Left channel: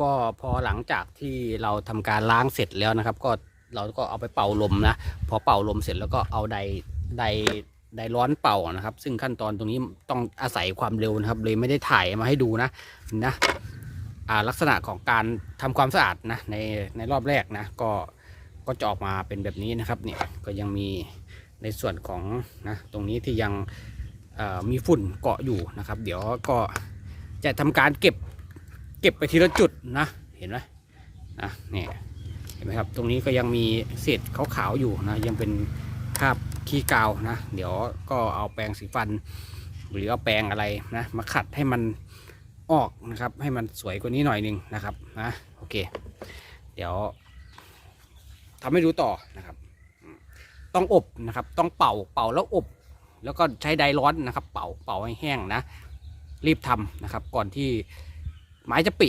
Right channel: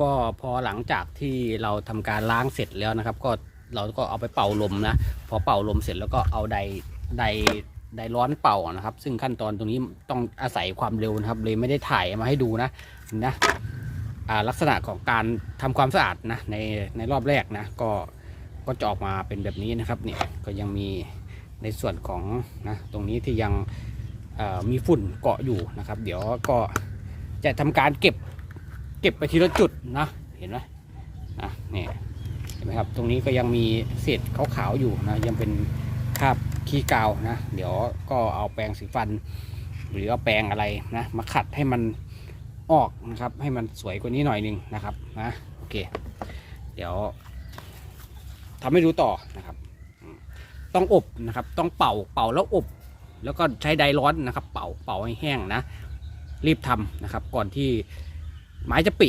ก็พอหลังจากที่เราทำการล้างเสร็จแล้วนะครับ ก็เราก็เอาไปเป่าลมนะ พอเป่าลมเสร็จแล้วก็เอาไดไดไดร้อนเป่านะครับ ซึ่งขั้นตอนตรงนี้ต้องอาศัยความเร็วนะครับ เลยไม่ได้ถ่ายมาให้ดูนะนะลักษณะของการทำความสะอาดนะในในรอบแรกนะ ก็ก็จะออกมาเป็นแบบนี้นะครับเนี่ยก็ยังมีในส่วนของนะตรงนี้ที่ยังมีฝุ่นเกาะอยู่นะครับ เดี๋ยวก็จะทำการเก็บ เก็บไปทีละจุดนะ เห็นไหมนะเนี่ยเห็นไหมครับ ตรงนี้ก็ยังมีเศษขาวๆอยู่นะยังเป็นคราบขี้กาวนะ เดี๋ยวก็เอาแปรงสีฟัน หรือเอาแปรงอะไรนะ มาขัดให้มันออกนะครับ ให้มันสวยกว่านี้หน่อยหนึงนะครับนะโอเค เดี๋ยวทำให้ดูต่อนะครับ ต้องอบนะครับ ต้องเป่าเป่าแล้วอบ แล้วก็ใช้ไดร้อนนะครับ เป่าเป่าให้แห้งนะ รีบทำนะครับ ก่อนที่ ไม้จะปิ